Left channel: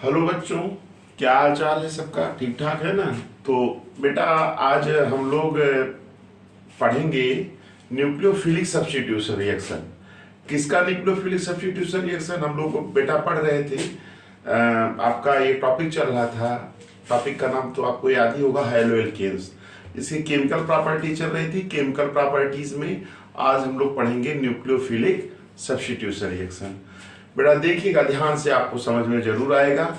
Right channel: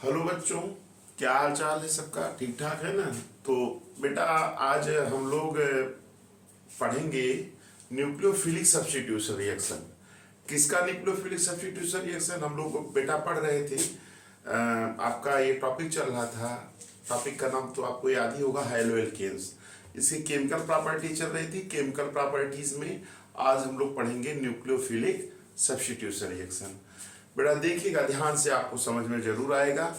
Hello बच्चों, क्या हाल चाल है सबका? ठीक ठाक है ना? तो बेटा, आज हम लोग पढ़ेंगे न्यूक्लियोफिलिक सब्स्टिट्यूशन रिएक्शन। किसका न्यूक्लियोफिलिक सब्स्टिट्यूशन रिएक्शन? हम लोग बेटा पढ़ रहे थे। आपका ये टॉपिक चल रहा था। टॉपिक का नाम तो आपको याद ही होगा, हैलोएल्केन्स। इसकी केमिकल प्रॉपर्टी चल रही थी। केमिकल प्रॉपर्टीज में आज हम लोग पढ़ेंगे न्यूक्लियोफिलिक सब्स्टिट्यूशन रिएक्शन। बेटा देखिएगा ध्यान से, आपको समझ में जरूर आएगा।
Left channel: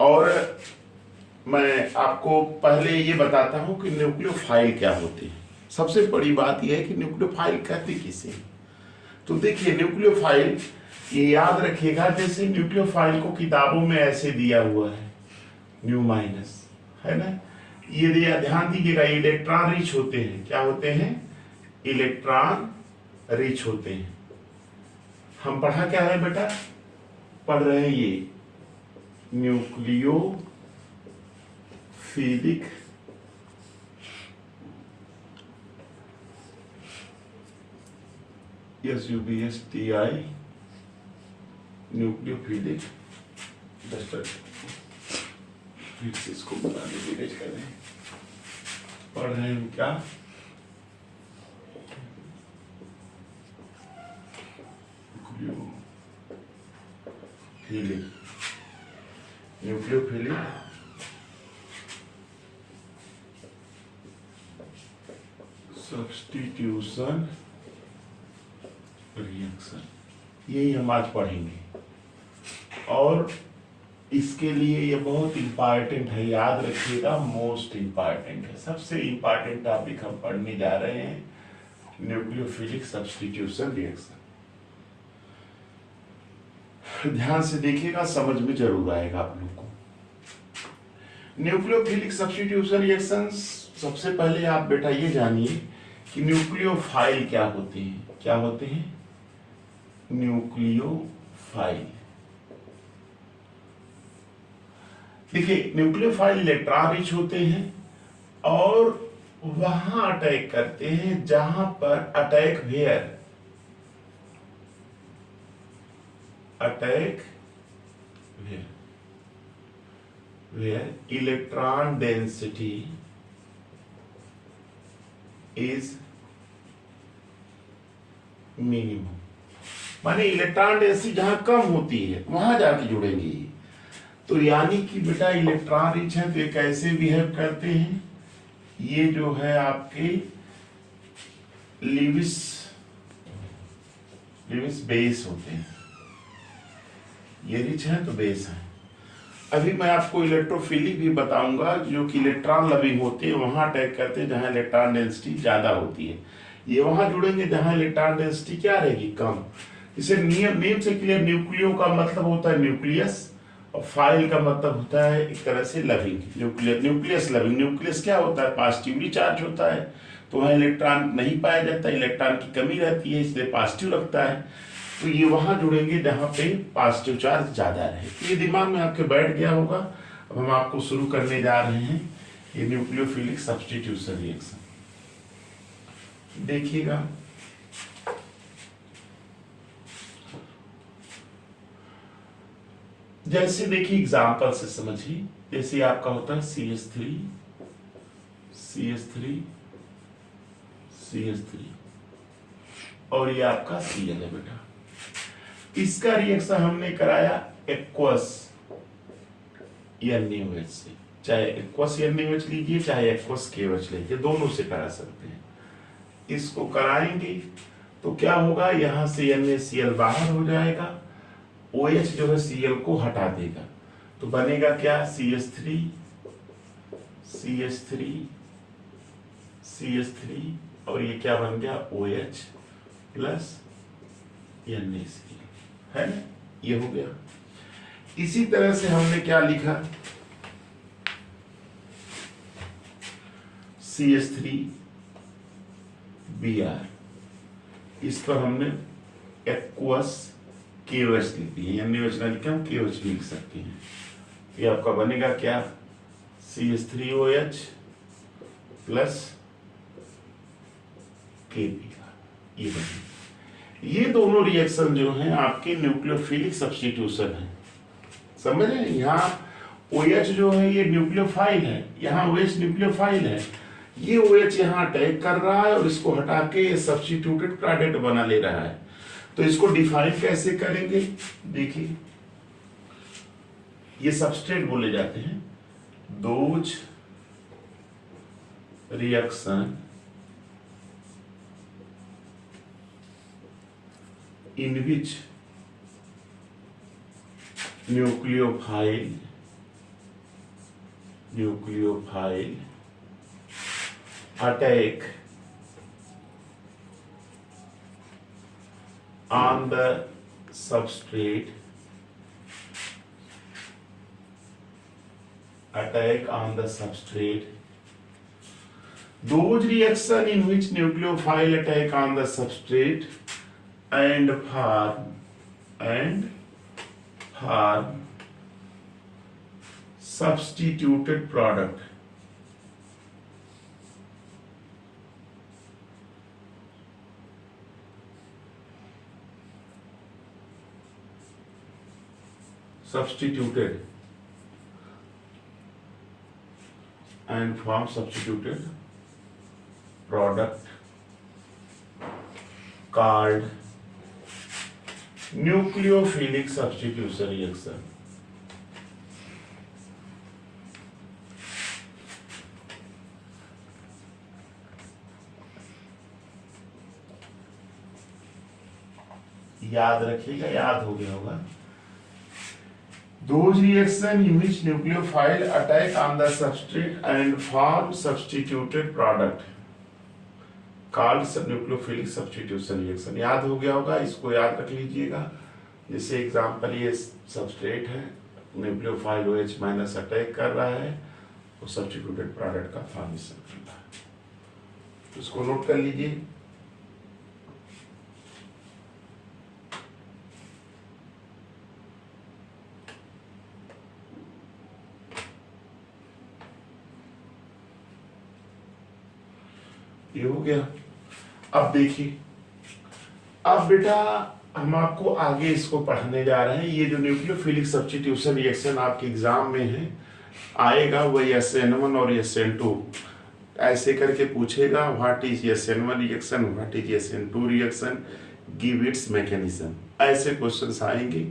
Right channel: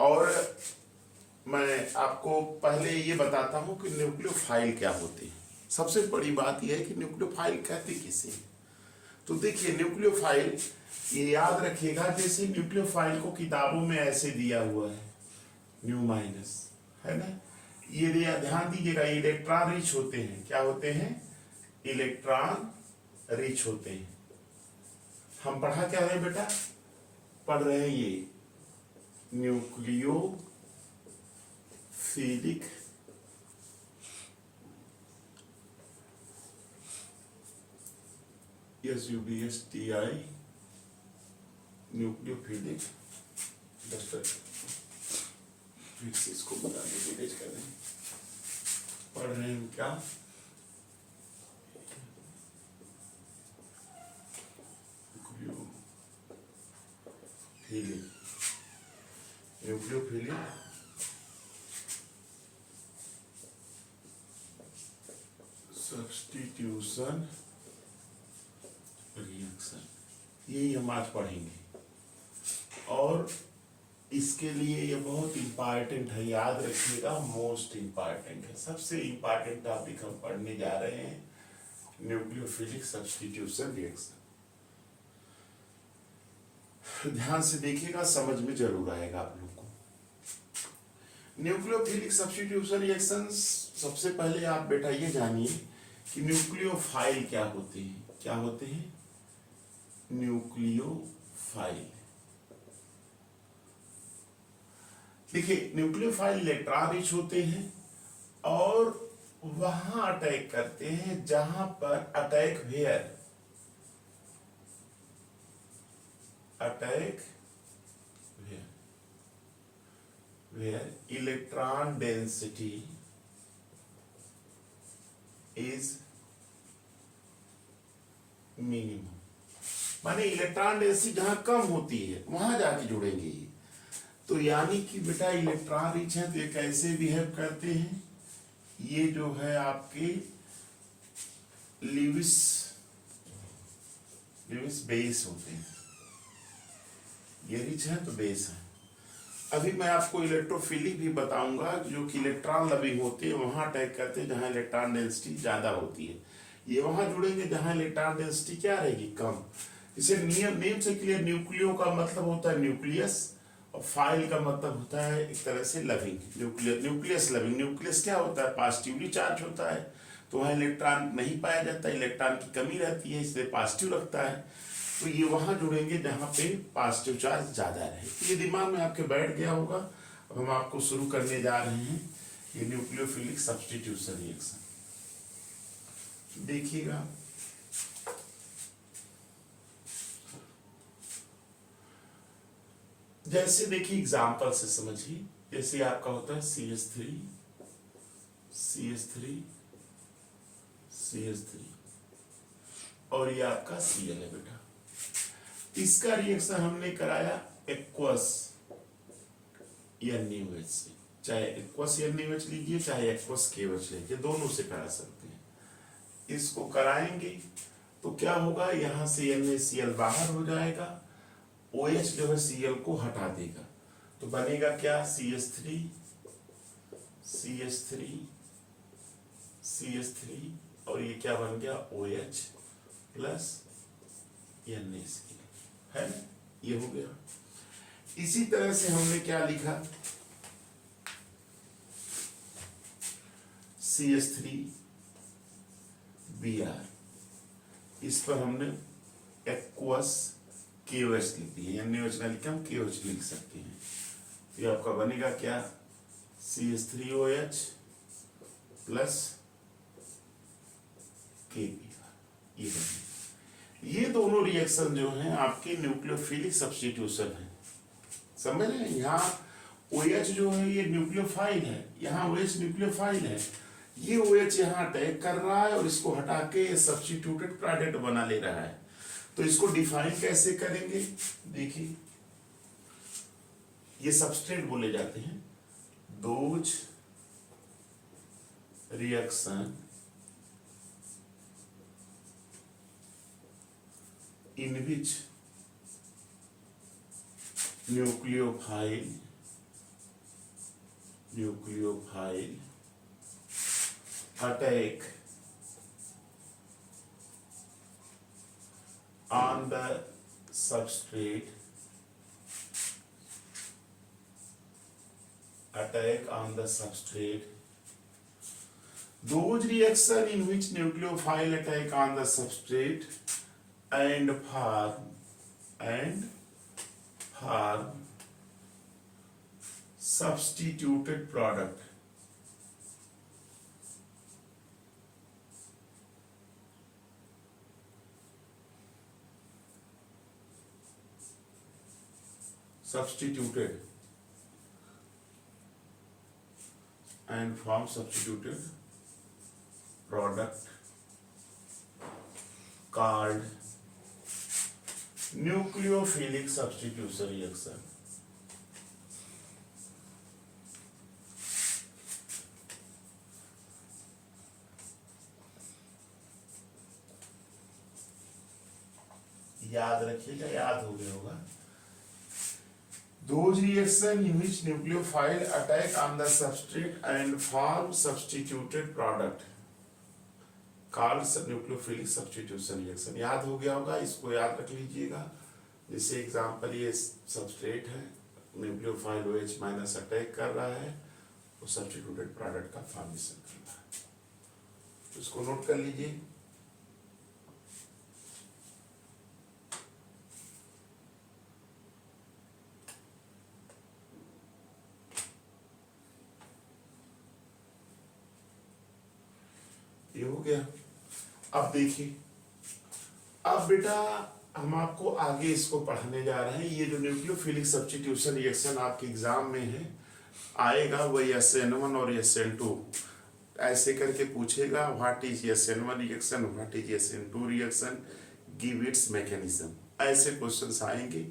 और मैं आपको पहले ये बताता हूं कि न्यूक्लियोफाइल क्या होते हैं। सबसे बड़ी बात यह है कि न्यूक्लियोफाइल कहते किसे। तो देखिए, न्यूक्लियोफाइल ये याद रखिएगा, जैसे न्यूक्लियोफाइल को किताबों में ऐसे दिया हुआ है, न्यू माइनस, है ना। ये दिया, ध्यान दीजिएगा, इलेक्ट्रॉन रिच होते हैं। क्या होते हैं? इलेक्ट्रॉन रिच होते हैं। हम पढ़ा क्या है बेटा? पढ़ रहे हैं ये न्यूक्लियोफिलिक SUBSTI न्यूक्लियोफिलिक। फिर से इसको बताने की कोशिश कर रहे हैं। पढ़ रहे हैं क्या? न्यूक्लियोफिलिक सब्स्टिट्यूशन रिएक्शन, यही हम आज पढ़ेंगे। और इसके लिए ये बहुत इंपॉर्टेंट है, याद रखिएगा, मोस्ट इंपॉर्टेंट है। सबसे इंपॉर्टेंट टॉपिक हम पढ़ने जा रहे हैं, न्यूक्लियोफिलिक सब्स्टिट्यूशन रिएक्शन। ध्यान से देखिएगा, समझ में जरूर आएगा आप लोग को। न्यूक्लियोफिलिक सब्स्टिट्यूशन रिएक्शन, सबसे पहले आप बेटा ये जानिए कि न्यूक्लियोफाइल क्या होते हैं। क्या होते हैं? न्यूक्लियोफाइल। देखिए, न्यूक्लियोफाइल इलेक्ट्रॉन रिच होते हैं और वहां अटैक करते हैं जहां पर attack where electron density is minimum. माने इलेक्ट्रॉन डेंसिटी जहां कम होती है वहां जाके जुड़ेंगी। तो यानी कि बेटा इलेक्ट्रॉन रिच है तो ये कैसे बिहेव करते हैं? ये जो है आपके लिविस बेस होते हैं। ये रिच है तो बेस है। अभी मैं आपको इलेक्ट्रोफिलिक भी बताऊंगा, जो कि इलेक्ट्रॉन लविंग होते हैं, वहां अटैक करते हैं जहां इलेक्ट्रॉन डेंसिटी ज्यादा होती है। ये वहां जुड़ेंगे जहां इलेक्ट्रॉन डेंसिटी क्या रहेगी? कम। इसे नेम से क्लियर, न्यूक्लियो का मतलब होता है न्यूक्लियस, और फाइल का मतलब होता है एक तरह से लविंग। Nucleus loving. न्यूक्लियस क्या होता है? पॉजिटिवली चार्ज होता है, तो वहां इलेक्ट्रॉन नहीं पाया जाता, इलेक्ट्रॉन की कमी रहती है, इसलिए पॉजिटिव रखता है। तो ये वहां जुड़ेंगे जहां पे पॉजिटिव चार्ज ज्यादा रहे। ये दिमाग में आपके बैठ गया होगा। अब हम आपको शुरू करने जा रहे हैं ये न्यूक्लियोफिलिक सब्स्टिट्यूशन रिएक्शन। देखिएगा, जैसे देखिए एग्जाम्पल से समझिए। जैसे आपका होता है CH3 और ये आपका Cl है बेटा। इसका रिएक्शन हमने कराया एक्वस NaOH से। चाहे एक्वस NaOH लीजिए, चाहे एक्वस KOH लीजिए, दोनों से करा सकते हैं। इसको कराएंगे तो क्या होगा? यहां से NaCl बाहर हो जाएगा, OH जो है Cl को हटा देगा, तो बनेगा क्या? CH3 और ये क्या बन गया? OH प्लस NaCl, है ना? ये हो गया। इसी तरह से हमने क्या लिखा? CH3Br, इस पर हमने एक्वस KOH लिख दिए। NaOH ना लिखा, हम KOH भी लिख सकते हैं। ये आपका बनेगा क्या? CH3OH plus Kb। ये बनेगा। ये दोनों रिएक्शन जो हैं आपके न्यूक्लियोफिलिक सब्स्टिट्यूशन है। समझ रहे हैं? यहाँ OH जो है ये न्यूक्लियोफाइल है, यहाँ OH न्यूक्लियोफाइल है, ये OH यहाँ अटैक कर रहा है और इसको हटा के सब्स्टिट्यूटेड प्रोडक्ट बना ले रहा है। तो इसको डिफाइन कैसे करेंगे? देखिए, ये सबस्ट्रेट बोले जाते हैं। Those reaction in which nucleophile attack on the substrate, those reaction in which nucleophile attack on the substrate and form substituted product. Substituted and form substituted product called nucleophilic substitution reaction. याद रखिएगा, याद हो गया होगा। Those reaction in which nucleophile attack on the substrate and form substituted product called nucleophilic substitution reaction. याद हो गया होगा, इसको याद रख लीजिएगा। जैसे एग्जांपल, ये सबस्ट्रेट है, न्यूक्लियोफाइल OH माइनस अटैक कर रहा है, वो सब्स्टिट्यूटेड प्रोडक्ट का फॉर्मेशन कर रहा है। तो इसको नोट कर लीजिए। ये हो गया। अब देखिए, अब बेटा हम आपको आगे इसको पढ़ने जा रहे हैं। ये जो न्यूक्लियोफिलिक सब्स्टिट्यूशन रिएक्शन आपके एग्जाम में है आएगा, वही SN1 और SN2 ऐसे करके पूछेगा। What is SN1 reaction, what is SN2 reaction, give its mechanism, ऐसे क्वेश्चंस आएंगे।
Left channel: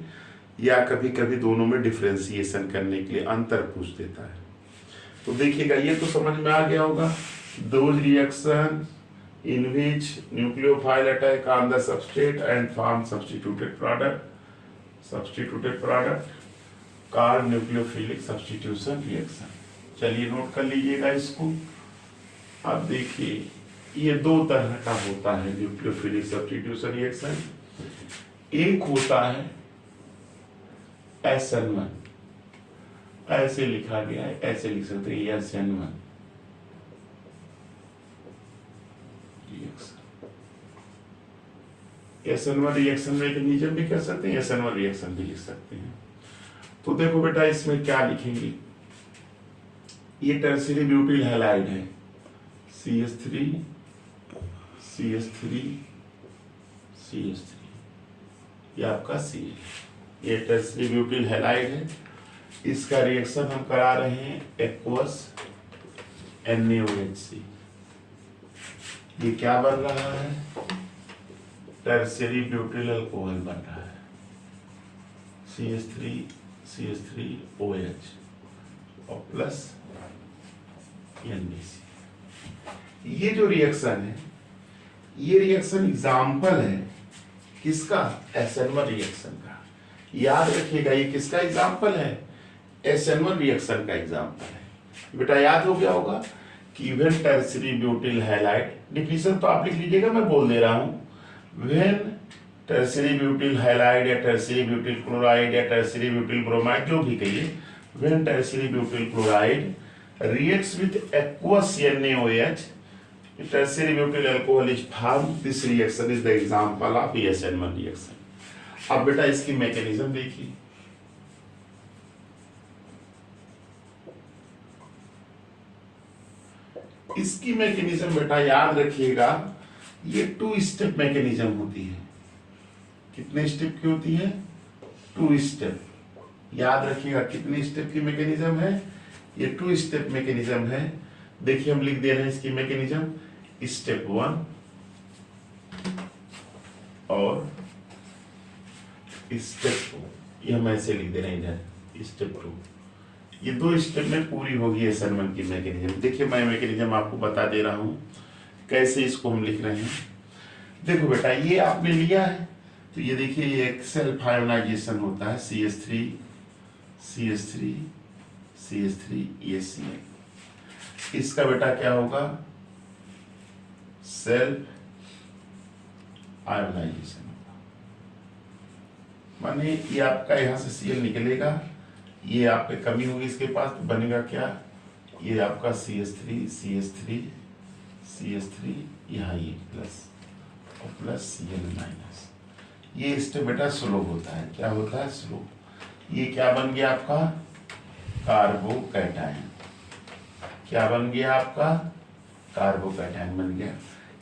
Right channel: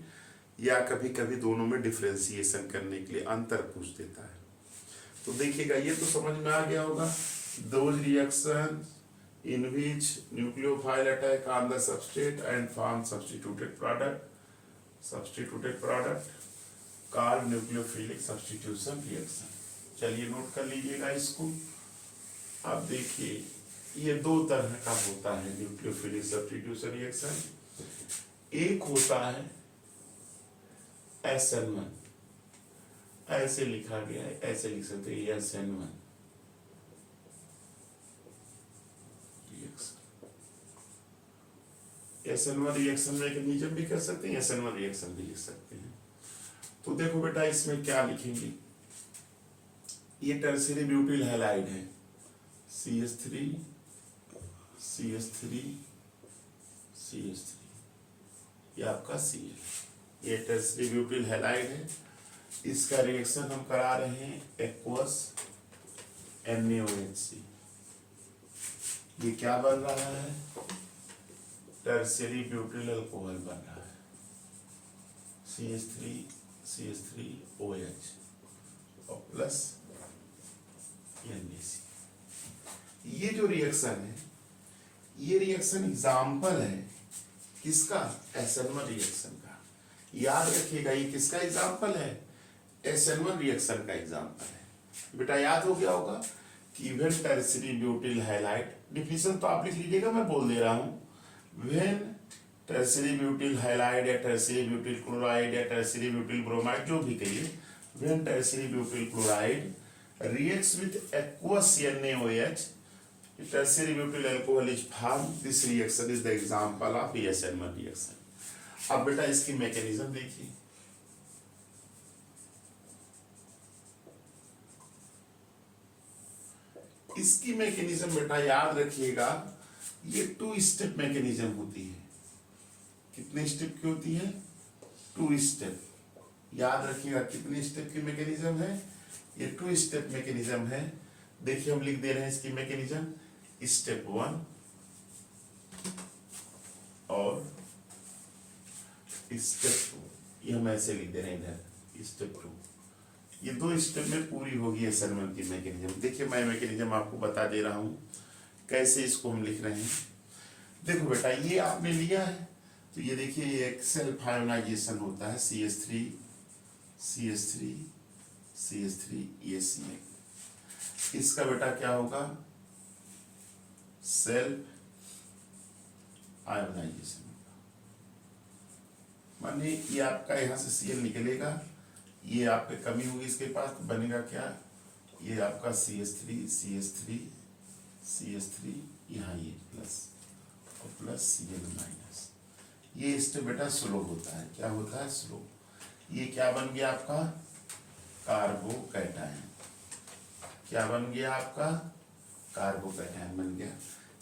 या कभी कभी दोनों में डिफरेंशिएशन करने के लिए अंतर पूछ देता है। तो देखिएगा, ये तो समझ में आ गया होगा। Those reactions in which nucleophile attack on the substrate and form substituted product called nucleophilic substitution reaction। चलिए नोट कर लीजिएगा इसको। अब देखिए, ये दो तरह का होता है न्यूक्लियोफिलिक सब्स्टिट्यूशन रिएक्शन। एक होता है SN1, ऐसे लिखा गया है, ऐसे लिख सकते हैं SN1 SN1 रिएक्शन मैकेनिज्म भी कर सकते हैं, SN1 रिएक्शन भी लिख सकते हैं। तो देखो बेटा, इसमें क्या लिखेंगे? ये टर्शियरी ब्यूटिल हैलाइड है, CH3 CH3 CH3, ये आपका CH, ये टर्शियरी ब्यूटिल हैलाइड है। इसका रिएक्शन हम करा रहे हैं एक्वस NaOH। ये क्या बन रहा है? टर्शियरी ब्यूटिल अल्कोहल बन रहा है, CH3OH और प्लस NaC। ये जो रिएक्शन है, ये रिएक्शन एग्जाम्पल है किसका? SN1 रिएक्शन का। याद रखिएगा, ये किसका एग्जाम्पल है? SN1 रिएक्शन का एग्जाम्पल है। बेटा याद हो गया होगा कि even tertiary butyl halide, definition तो आप लिख लीजिएगा, मैं बोल दे रहा हूं। When tertiary butyl halide या tertiary butyl chloride या tertiary butyl bromide, जो भी कहिए, when tertiary butyl chloride reacts with aqueous NaOH, tertiary butyl alcohol is formed. This reaction is the example of SN1 reaction। अब बेटा इसकी mechanism देखिए। इसकी मैकेनिज्म बेटा याद रखिएगा, ये 2 स्टेप मैकेनिज्म होती है। कितने स्टेप की होती है? 2 स्टेप। याद रखिएगा कितनी स्टेप की मैकेनिज्म है, ये 2 स्टेप मैकेनिज्म है। देखिए हम लिख दे रहे हैं इसकी मैकेनिज्म, स्टेप 1 और स्टेप 2, ये हम ऐसे लिख दे रहे हैं इधर स्टेप 2। ये 2 स्टेप में पूरी होगी SN1 की मैकेनिज्म। देखिए मैं मैकेनिज्म आपको बता दे रहा हूँ कैसे इसको हम लिख रहे हैं। देखो बेटा ये आपने लिया है तो ये देखिए ये एक सेल्फ आयोनाइजेशन होता है, CH3 CH3 CH3 ये Cl। इसका बेटा क्या होगा, सेल्फ आयोनाइजेशन होगा, माने ये आपका यहाँ से Cl निकलेगा, ये आप पे कमी होगी इसके पास तो बनेगा क्या, ये आपका CH3 CH3 CH3 यहाँ ये प्लस और प्लस Cl माइनस। ये स्टेप बेटा स्लो होता है, क्या होता है, स्लो। ये क्या बन गया आपका, कार्बोकैटायन। क्या बन गया आपका, कार्बोकैटायन बन गया।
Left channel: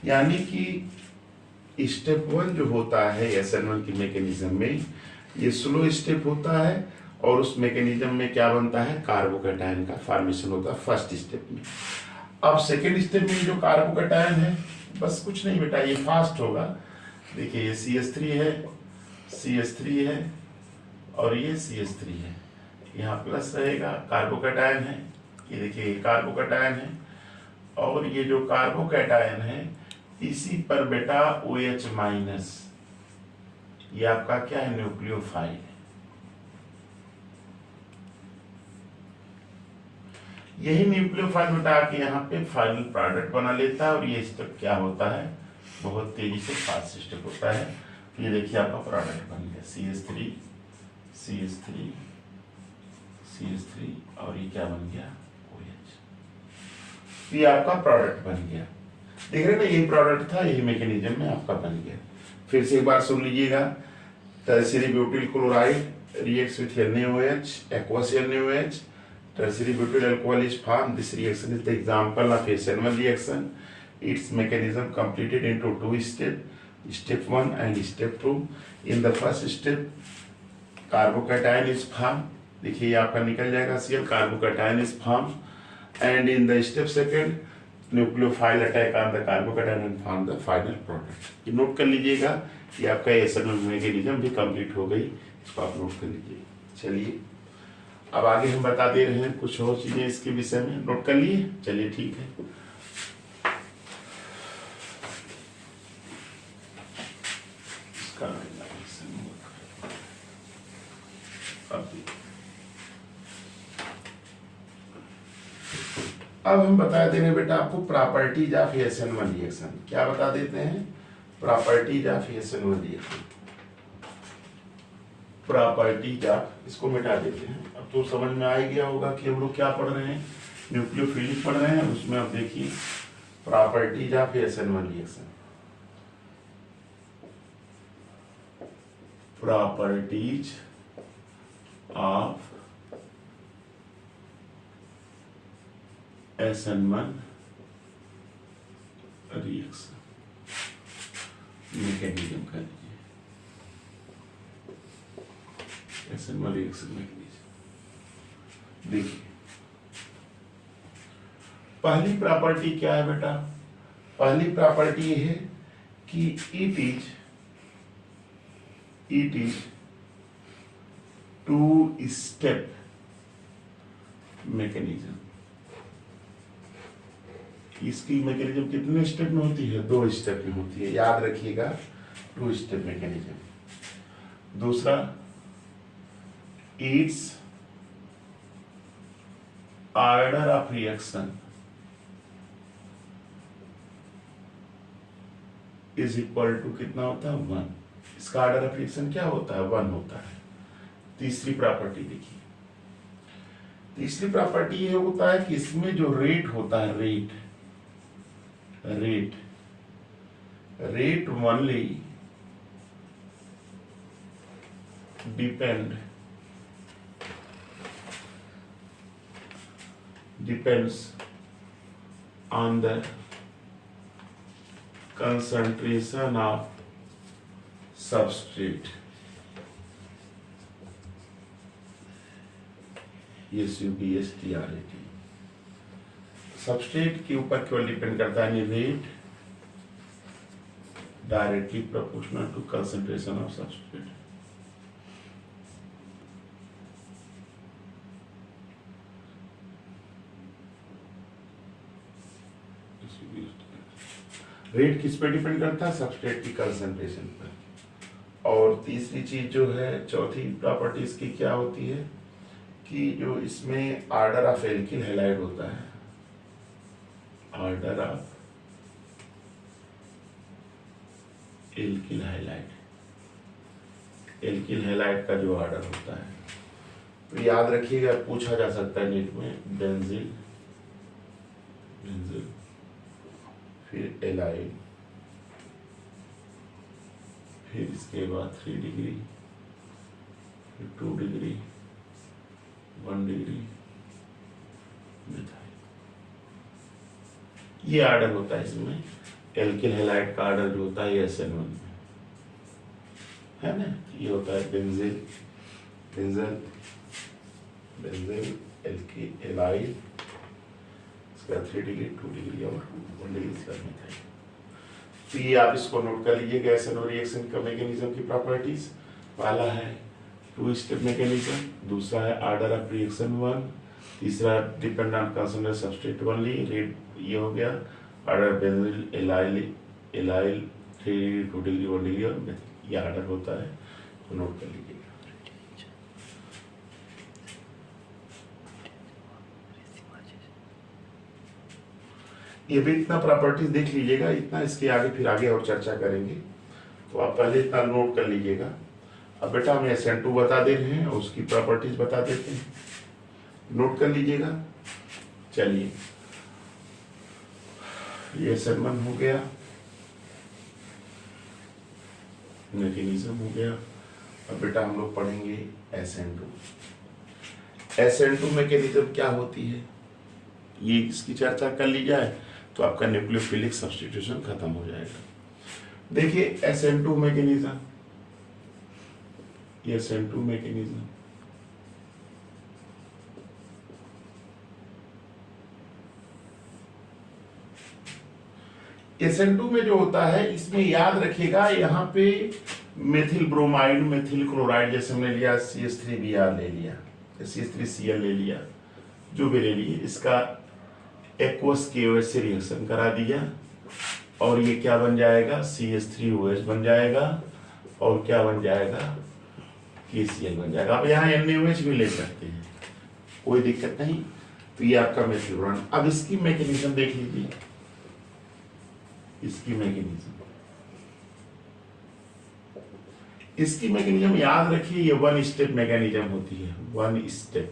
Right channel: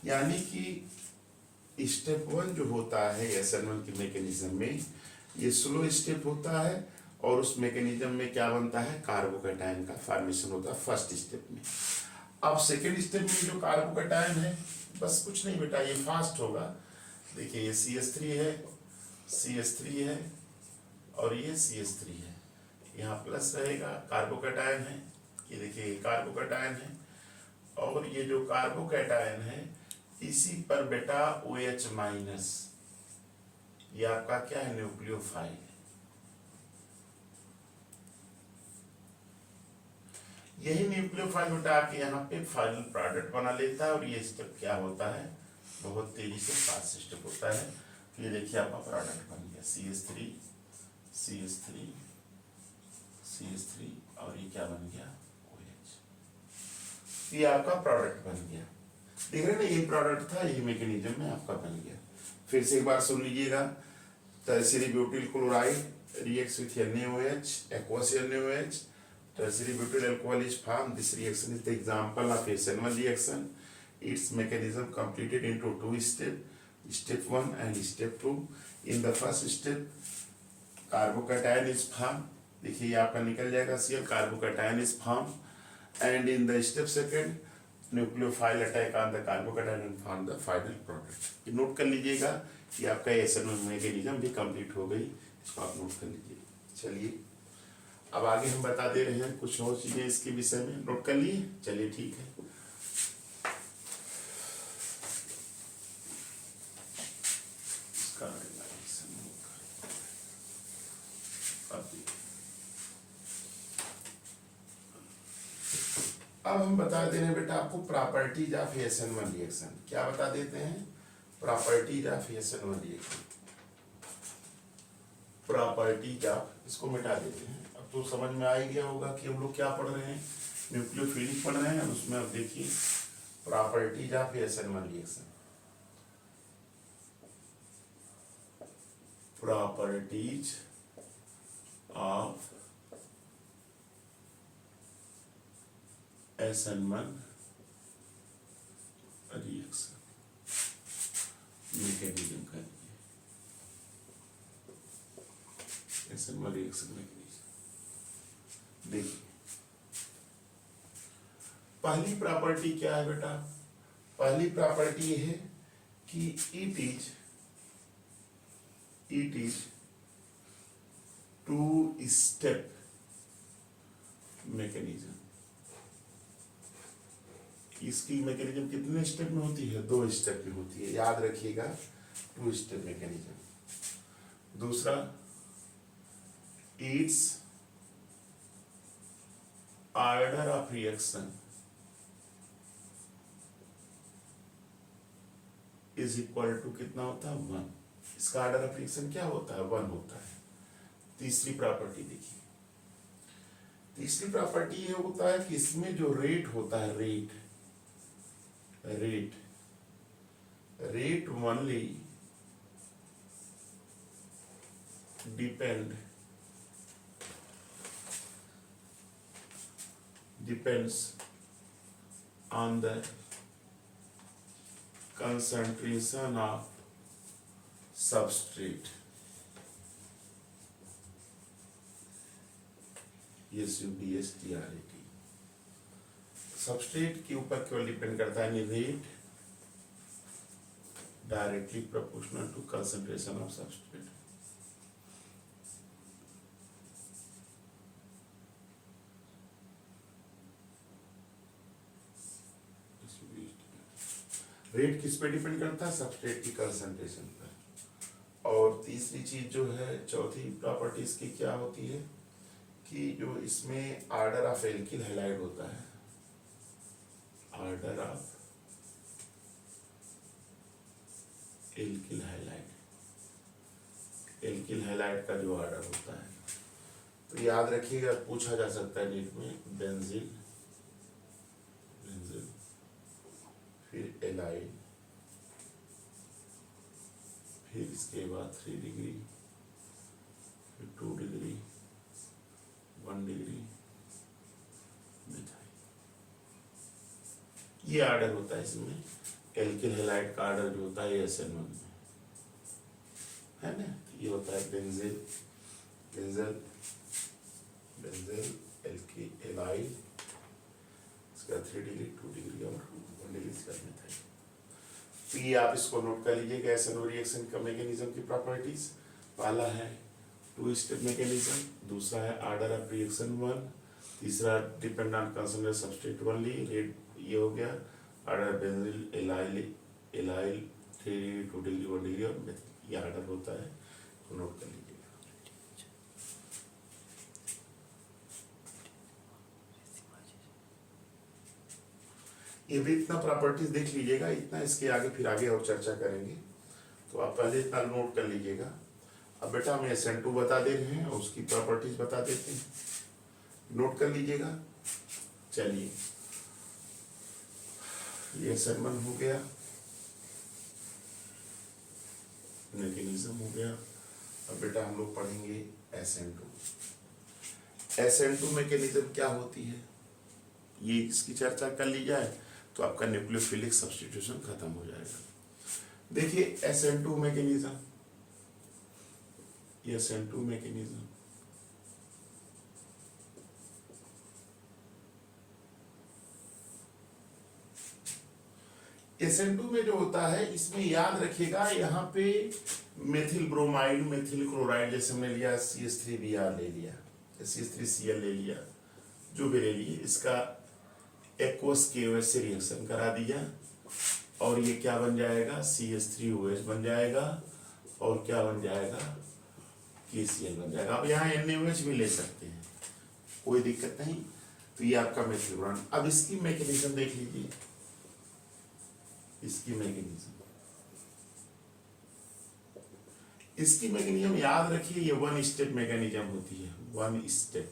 यानी कि स्टेप 1 जो होता है SN1 की मैकेनिज्म में, ये स्लो स्टेप होता है और उस मैकेनिज्म में क्या बनता है, कार्बोकैटायन का फॉर्मेशन होता है फर्स्ट स्टेप में। अब सेकेंड स्टेप में जो कार्बोकैटायन है, बस कुछ नहीं बेटा ये फास्ट होगा। देखिए ये CH3 है, CH3 है और ये CH3 है, यहाँ प्लस रहेगा, कार्बोकैटायन है, ये देखिए कार्बोकैटायन है और ये जो कार्बोकैटायन है इसी पर बेटा OH माइनस, ये आपका क्या है, न्यूक्लियोफाइल। यही न्यूक्लियोफाइल बेटा आके यहाँ पे फाइनल प्रोडक्ट बना लेता है और ये स्टेप क्या होता है, बहुत तेजी से फास्ट स्टेप होता है। ये देखिए आपका प्रोडक्ट बन गया CH3 CH3 CH3 और ये क्या बन गया, OH। ये आपका प्रोडक्ट बन गया, देख रहे हैं ना, यही प्रोडक्ट था, यही मैकेनिज्म में आपका बन गया। फिर से एक बार सुन लीजिएगा, tertiary butyl chloride reacts with NaOH, aqueous NaOH, tertiary butyl alcohol is formed. This reaction is the example of SN1 reaction. Its mechanism completed into 2 steps, step 1 and step 2. In the first step, carbocation is formed. देखिए ये आपका निकल जाएगा Cl, carbocation is formed, and in the step second, nucleophile attack on the carbocation and form the final product. ये note कर लीजिएगा, ये आपका SN1 मैकेनिज्म भी कंप्लीट हो गई, इसको आप नोट कर लीजिए। चलिए अब आगे हम बता दे रहे हैं कुछ और चीजें इसके विषय में, नोट कर लिए, चलिए ठीक है। अब हम बता दे रहे हैं बेटा आपको प्रॉपर्टीज ऑफ SN1 रिएक्शन। क्या बता देते हैं, properties of SN1 reaction, properties of, इसको मिटा देते हैं। अब तो समझ में आ ही गया होगा कि हम लोग क्या पढ़ रहे हैं, न्यूक्लियोफिलिक पढ़ रहे हैं, उसमें आप देखिए properties of SN1 reaction, properties of SN1 reaction, mechanism कर लीजिए SN1 रिएक्शन मैकेनिज्म। देखिए पहली प्रॉपर्टी क्या है बेटा, पहली प्रॉपर्टी ये है कि इट इज 2 स्टेप मैकेनिज्म। इसकी मैकेनिज्म कितने स्टेप में होती है, 2 स्टेप में होती है, याद रखिएगा 2 स्टेप मैकेनिज्म। दूसरा, its order of reaction is equal to कितना होता है, 1। इसका ऑर्डर ऑफ रिएक्शन क्या होता है, 1 होता है। तीसरी प्रॉपर्टी देखिए, तीसरी प्रॉपर्टी ये होता है कि इसमें जो रेट होता है, rate only depends on the concentration of substrate। SUBSTRAT। Substrate के ऊपर केवल डिपेंड करता है rate directly proportional to concentration of substrate. Rate किस पे डिपेंड करता है? सबस्ट्रेट की कंसंट्रेशन पर। और तीसरी चीज जो है, चौथी प्रॉपर्टी इसकी क्या होती है कि जो इसमें ऑर्डर ऑफ एल्किल हैलाइड होता है, order of alkyl halide, alkyl halide का जो ऑर्डर होता है, तो याद रखिएगा, पूछा जा सकता है नीट में, बेंजील, बेंजील, फिर एलाइल, फिर इसके बाद 3 डिग्री, फिर 2 डिग्री, 1 डिग्री मिथाइल। ये ऑर्डर होता है इसमें। एल्किल हैलाइड का ऑर्डर जो होता है SN1 में है ना, ये होता है बेंजील, बेंजील, बेंजील, एल्किल, एलाइल, इसका 3 डिग्री, 2 डिग्री और 1 डिग्री इसका मिथाइल। तो ये आप इसको नोट कर लीजिएगा, SNO रिएक्शन का मैकेनिज्म की प्रॉपर्टीज। पहला है 2 स्टेप मैकेनिज्म, दूसरा है ऑर्डर ऑफ रिएक्शन 1, तीसरा depend on concentration substrate only, rate ये हो गया, order बेंजील, allyl, allyl, 3 degree, 2 degree, 1 degree और मिथाइल, ये ऑर्डर होता है, तो नोट कर लीजिएगा। ये भी इतना प्रॉपर्टीज देख लीजिएगा, इतना, इसके आगे फिर आगे और चर्चा करेंगे, तो आप पहले इतना नोट कर लीजिएगा। अब बेटा हम SN2 बता दे रहे हैं और उसकी प्रॉपर्टीज बता देते हैं, नोट कर लीजिएगा। चलिए, ये SN1 हो गया, मैकेनिज्म हो गया। अब बेटा हम लोग पढ़ेंगे SN2। SN2 मैकेनिज्म क्या होती है, ये इसकी चर्चा कर ली जाए तो आपका न्यूक्लियोफिलिक सब्स्टिट्यूशन खत्म हो जाएगा। देखिए SN2 मैकेनिज्म, ये SN2 मैकेनिज्म, SN2 में जो होता है, इसमें याद रखिएगा, यहाँ पे मेथिल ब्रोमाइड, मेथिल क्लोराइड, जैसे हमने लिया CH3Br ले लिया, CH3Cl ले लिया, जो भी ले लिए, इसका एक्वस KOH से रिएक्शन करा दिया और ये क्या बन जाएगा, CH3OH बन जाएगा और क्या बन जाएगा, KCl बन जाएगा। आप यहाँ NaOH भी ले सकते हैं, कोई दिक्कत नहीं। तो ये आपका मेथिल ब्रोमाइड। अब इसकी मैकेनिज्म देख लीजिए, इसकी मैकेनिज्म, इसकी मैकेनिज्म याद रखिए, ये 1 स्टेप मैकेनिज्म होती है, 1 स्टेप।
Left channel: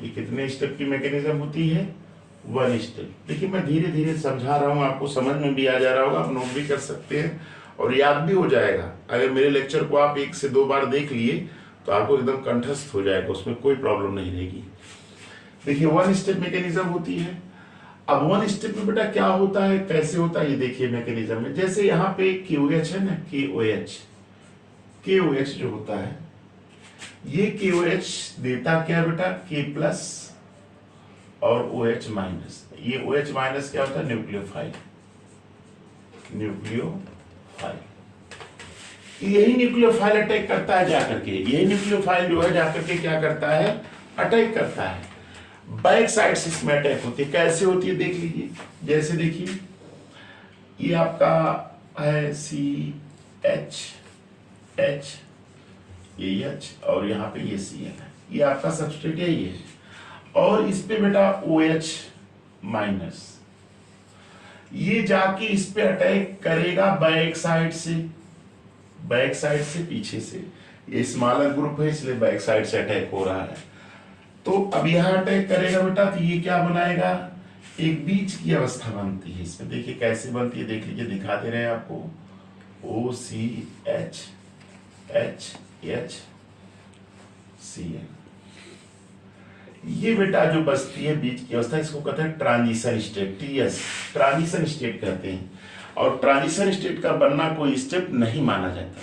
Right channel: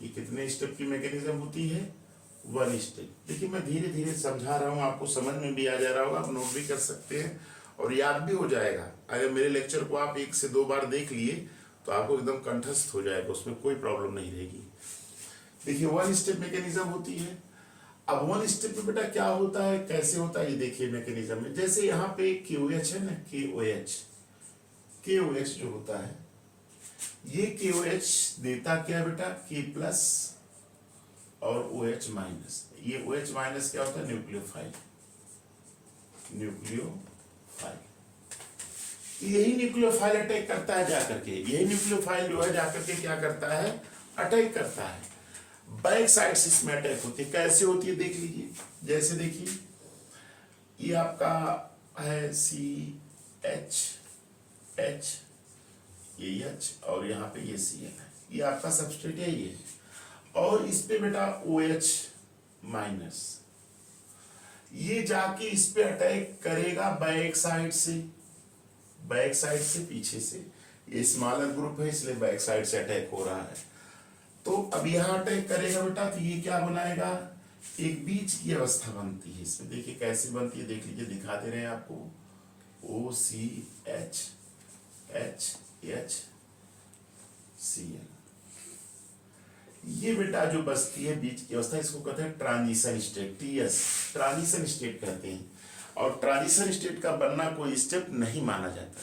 ये कितने स्टेप की मैकेनिज्म होती है, 1 स्टेप। देखिए मैं धीरे धीरे समझा रहा हूँ, आपको समझ में भी आ जा रहा होगा, आप नोट भी कर सकते हैं और याद भी हो जाएगा। अगर मेरे लेक्चर को आप 1 से 2 बार देख लिए तो आपको एकदम कंठस्थ हो जाएगा, उसमें कोई प्रॉब्लम नहीं रहेगी। देखिए 1 स्टेप मैकेनिज्म होती है। अब 1 स्टेप में बेटा क्या होता है, कैसे होता है, ये देखिए मैकेनिज्म में। जैसे यहाँ पे KOH है ना, KOH जो होता है, ये KOH देता क्या बेटा, K प्लस और OH माइनस। ये OH माइनस क्या होता है, न्यूक्लियोफाइल, न्यूक्लियोफाइल। यही न्यूक्लियोफाइल अटैक करता है जाकर के, यही न्यूक्लियोफाइल जो है जाकर के क्या करता है, अटैक करता है। बैक साइड से इसमें अटैक होती है। कैसे होती है देख लीजिए, जैसे देखिए ये आपका है CH, ये H और यहाँ पे ये Cl है, ये आपका सबस्ट्रेट है ये, और इस पे बेटा OH माइनस, ये जाके इस पे अटैक करेगा बैक साइड से, बैक साइड से पीछे से। ये स्मॉलर ग्रुप है इसलिए बैक साइड से अटैक हो रहा है। तो अब यहाँ अटैक करेगा बेटा, तो ये क्या बनाएगा, एक बीच की अवस्था बनती है इसमें। देखिए कैसे बनती है, देख लीजिए, दिखा दे रहे हैं आपको, OCH HCl। ये बेटा जो बचती है बीच की अवस्था, इसको कहते हैं transition state, TS, transition state कहते हैं। और ट्रांजिशन स्टेट का बनना कोई स्टेप नहीं माना जाता।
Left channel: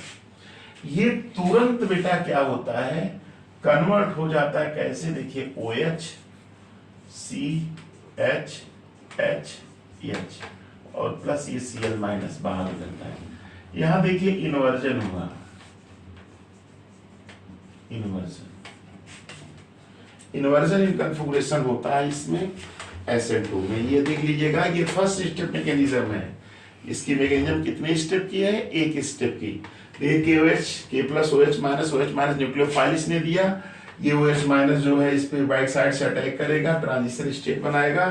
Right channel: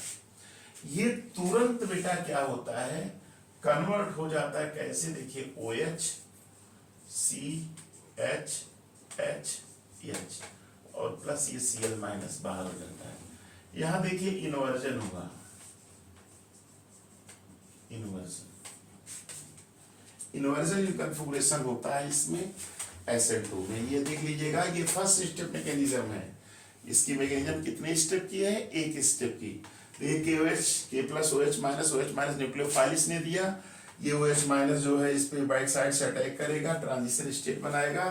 ये तुरंत बेटा क्या होता है, कन्वर्ट हो जाता है कैसे, देखिए OH CH HH और प्लस ये Cl माइनस बाहर हो जाता है। यहां देखिए इन्वर्जन हुआ, इन्वर्जन इन कन्फिगुरेशन होता है इसमें SN2 में। ये देख लीजिएगा, ये फर्स्ट स्टेप मैकेनिज्म है। इसकी मैकेनिज्म कितने स्टेप की है, एक स्टेप की। देखिए KOH K plus OH minus nucleophile इसने दिया, ये OH माइनस जो है इस पे राइट साइड से अटैक करेगा, ट्रांजिशन स्टेट बनाएगा,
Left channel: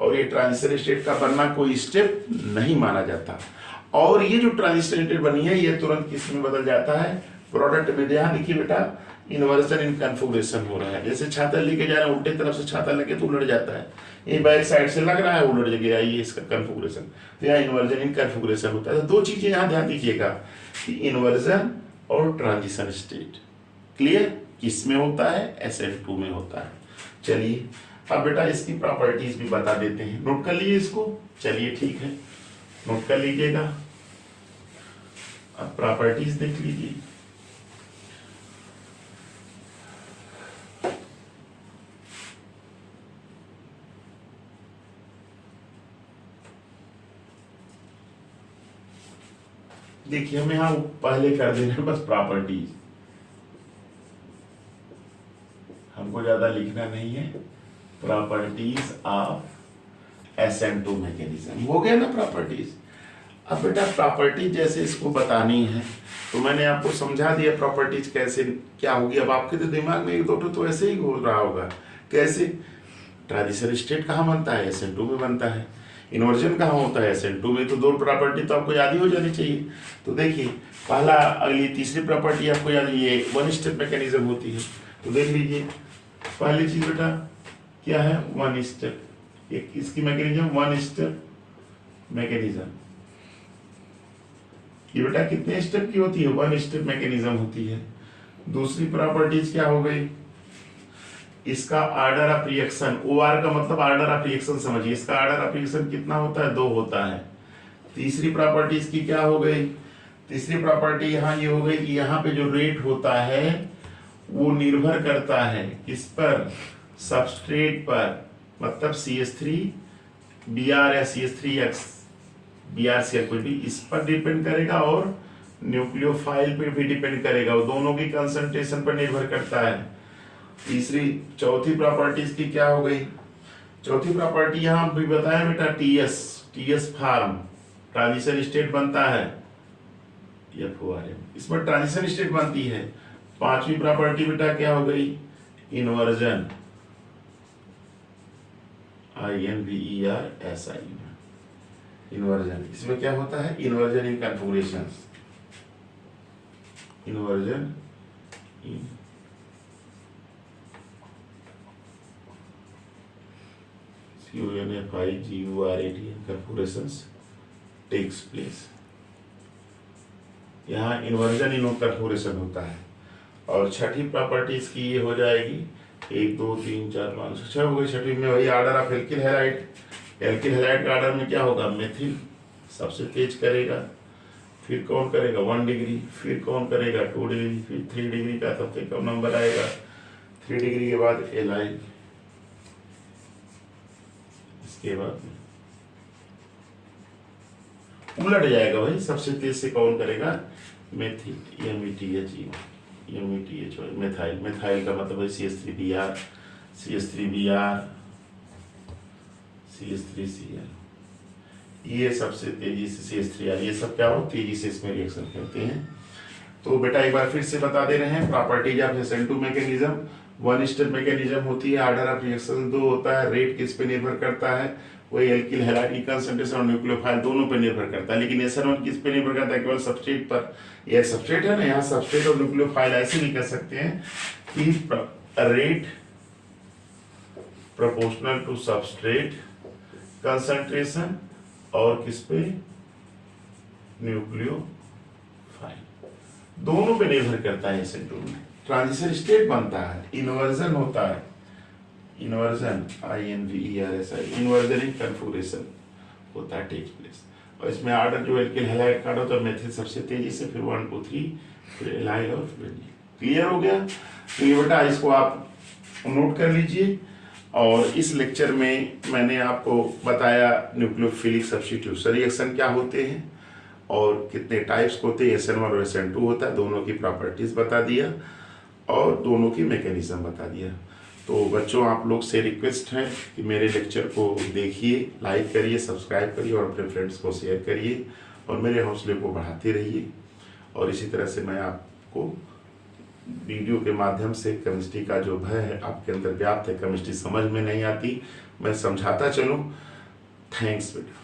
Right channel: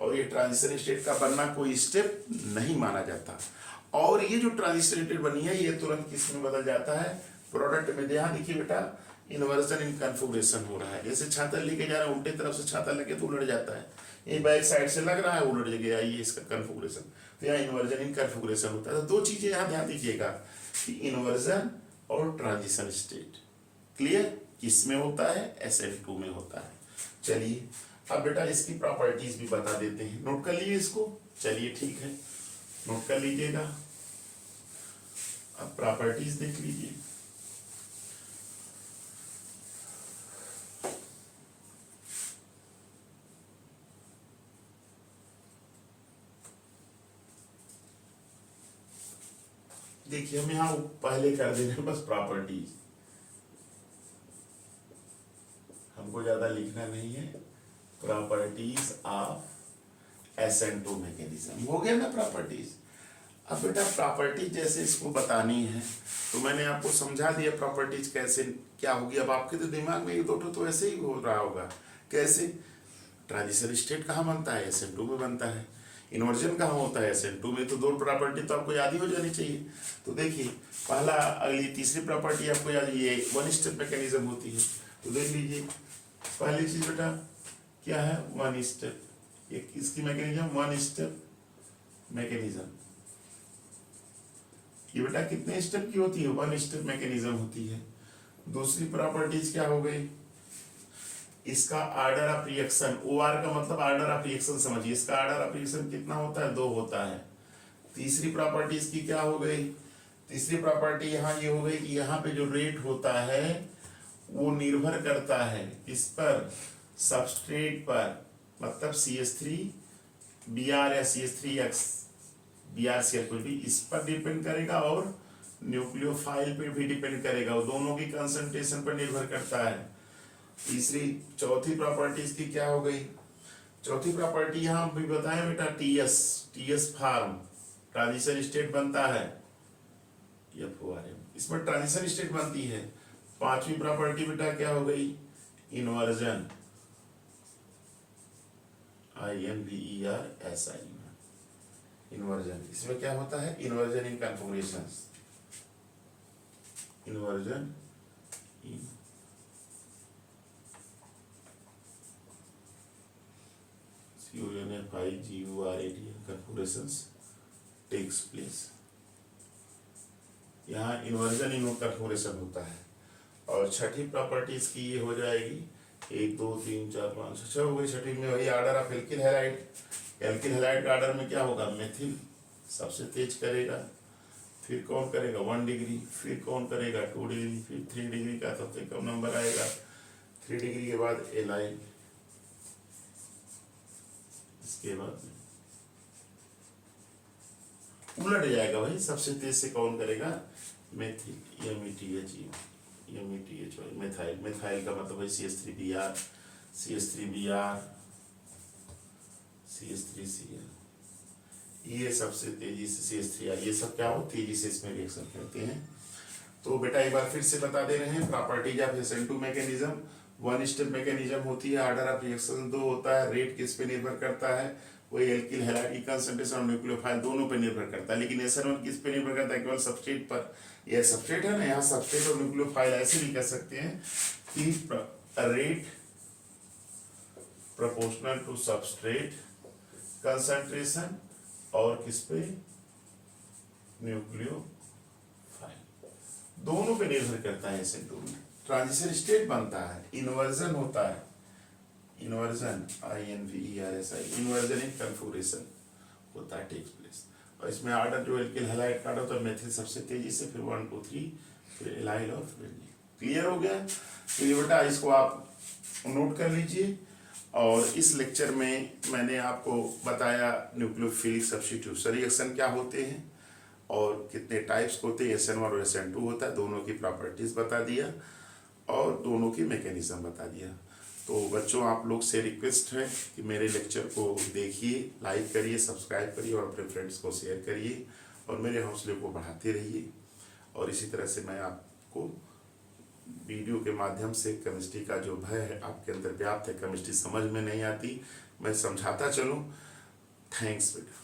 और ये ट्रांजिशन स्टेट का बनना कोई स्टेप नहीं माना जाता। और ये जो ट्रांजिशन स्टेट बनी है ये तुरंत किस में बदल जाता है, प्रोडक्ट में। ध्यान देखिए बेटा, इन्वर्जन इन कन्फिगुरेशन हो रहा है। जैसे छाता लेके जा रहे हैं, उल्टे तरफ से छाता लगे तो उलट जाता है, ये बैक साइड से लग रहा है उलट गया, ये इसका कन्फिगुरेशन। तो यहाँ इन्वर्जन इन कन्फिगुरेशन होता है। तो दो चीजें यहाँ ध्यान दीजिएगा कि इन्वर्जन और ट्रांजिशन स्टेट। क्लियर? किस में होता है, SN2 में होता है। चलिए अब बेटा इसकी प्रॉपर्टीज भी बता देते हैं, नोट कर लीजिए इसको। चलिए ठीक है, नोट कर लीजिएगा। अब प्रॉपर्टीज देख लीजिए। देखिए हम यहां पहले कर दे रहे हैं बस प्रॉपर्टीज, हमको ज्यादा लिखना नहीं है। प्रॉपर्टीज ऑफ SN2 मैकेनिज्म हो गया ना प्रॉपर्टीज। अब बेटा प्रॉपर्टीज जैसे इसको बतानी है तो मैंने आपको समझा दिया प्रॉपर्टीज कैसे क्या होगी। अब आपके तो दिमाग में एक दो तो ऐसे ही घूम रहा होगा, कैसे ट्रांजिशन स्टेट कहाँ बनता है, SN2 में बनता है। इन्वर्जन कहाँ होता है, SN2 में। तो दो प्रॉपर्टी तो आपको याद ही हो जानी चाहिए। तो देखिए पहला, अगली तीसरी प्रॉपर्टी आपको याद, ये वन स्टेप मैकेनिज्म होती है। तो देख लीजिए पहली चीज बेटा क्या है, वन स्टेप। एक इसकी मैकेनिज्म वन स्टेप मैकेनिज्म। ये बेटा कितने स्टेप की होती है, वन स्टेप मैकेनिज्म होती है। दूसरी प्रॉपर्टीज क्या हो गई, इसका ऑर्डर ऑफ रिएक्शन, OR का मतलब ऑर्डर ऑफ रिएक्शन समझिए, इसका ऑर्डर ऑफ रिएक्शन कितना होता है, 2 होता है। तीसरी प्रॉपर्टी इसकी क्या हो गई, तीसरी प्रॉपर्टी यहाँ ये हो गई कि यहाँ पे जो रेट होता है वो निर्भर करता है किस पर, सबस्ट्रेट पर, मतलब CH3 Br या CH3X Br से कोई भी इस पर डिपेंड करेगा, और न्यूक्लियोफाइल पे भी डिपेंड करेगा, वो दोनों की कंसंट्रेशन पर निर्भर करता है। तीसरी चौथी प्रॉपर्टी इसकी क्या हो गई, चौथी प्रॉपर्टी यहाँ भी बताया बेटा, TS फार्म ट्रांजिशन स्टेट बनता है, FORM इसमें ट्रांजिशन स्टेट बनती है। पांचवी प्रॉपर्टी बेटा क्या हो गई, इन्वर्जन, INVERSI इन्वर्जन। इसमें क्या होता है, इन्वर्जन इन कन्फिगुरेशंस, इन्वर्जन इन UNFIGURAT कन्फिगुरेशंस टेक्स प्लेस। यहाँ इन्वर्जन इन कन्फिगुरेशन होता है। और छठी प्रॉपर्टी इसकी ये हो जाएगी, 1 2 3 4 5 6 हो गई। छठी में वही order of alkyl halide. Alkyl halide का ऑर्डर में क्या होगा, मेथिल सबसे तेज करेगा, फिर कौन करेगा 1 डिग्री, फिर कौन करेगा 2 डिग्री, फिर 3 डिग्री का सबसे कम नंबर आएगा, 3 डिग्री के बाद एलाइल, इसके बाद उलट जाएगा भाई, सबसे तेज से कौन करेगा, मेथिल, METH मेथाइल। मेथाइल का मतलब है CH3Br, CH3Br, CH3Cl, ये सबसे तेजी से CH3R, ये सब क्या हो, तेजी से इसमें रिएक्शन करते हैं। तो बेटा एक बार फिर से बता दे रहे हैं, properties of SN2 mechanism, one step mechanism होती है, ऑर्डर ऑफ रिएक्शन 2 होता है, रेट किस पे निर्भर करता है, वही एल्किल हैलाइड की कंसंट्रेशन और न्यूक्लियोफाइल दोनों पे निर्भर करता है। लेकिन SN1 किस पे निर्भर करता है, केवल सबस्ट्रेट पर। यह सबस्ट्रेट है ना, यहाँ सबस्ट्रेट और न्यूक्लियोफाइल ऐसे भी कह सकते हैं कि rate proportional to substrate concentration, और किस पे, न्यूक्लियोफाइल, दोनों पे निर्भर करता है। SN2 में ट्रांजिशन स्टेट बनता है, इन्वर्जन होता है, इन्वर्जन INVERSI इन्वर्जन इन कन्फिगुरेशन होता है, टेक्स प्लेस। और इसमें ऑर्डर जो एल्किल हैलाइड का होता है, मेथिल सबसे तेजी से, फिर 1 2 3, फिर एलाइल और फिर। क्लियर हो गया। तो ये बेटा इसको आप नोट कर लीजिए। और इस लेक्चर में मैंने आपको बताया न्यूक्लियोफिलिक सब्स्टिट्यूशन रिएक्शन क्या होते हैं और कितने टाइप्स होते हैं, SN1 और SN2 होता है, दोनों की प्रॉपर्टीज बता दिया और दोनों की मैकेनिज्म बता दिया। तो बच्चों आप लोग से रिक्वेस्ट है कि मेरे लेक्चर को देखिए, लाइक करिए, सब्सक्राइब करिए और अपने फ्रेंड्स को शेयर करिए और मेरे हौसले को बढ़ाते रहिए। और इसी तरह से मैं आपको वीडियो के माध्यम से केमिस्ट्री का जो भय है आपके अंदर व्याप्त है, केमिस्ट्री समझ में नहीं आती, मैं समझाता चलूँ। थैंक्स बेटा।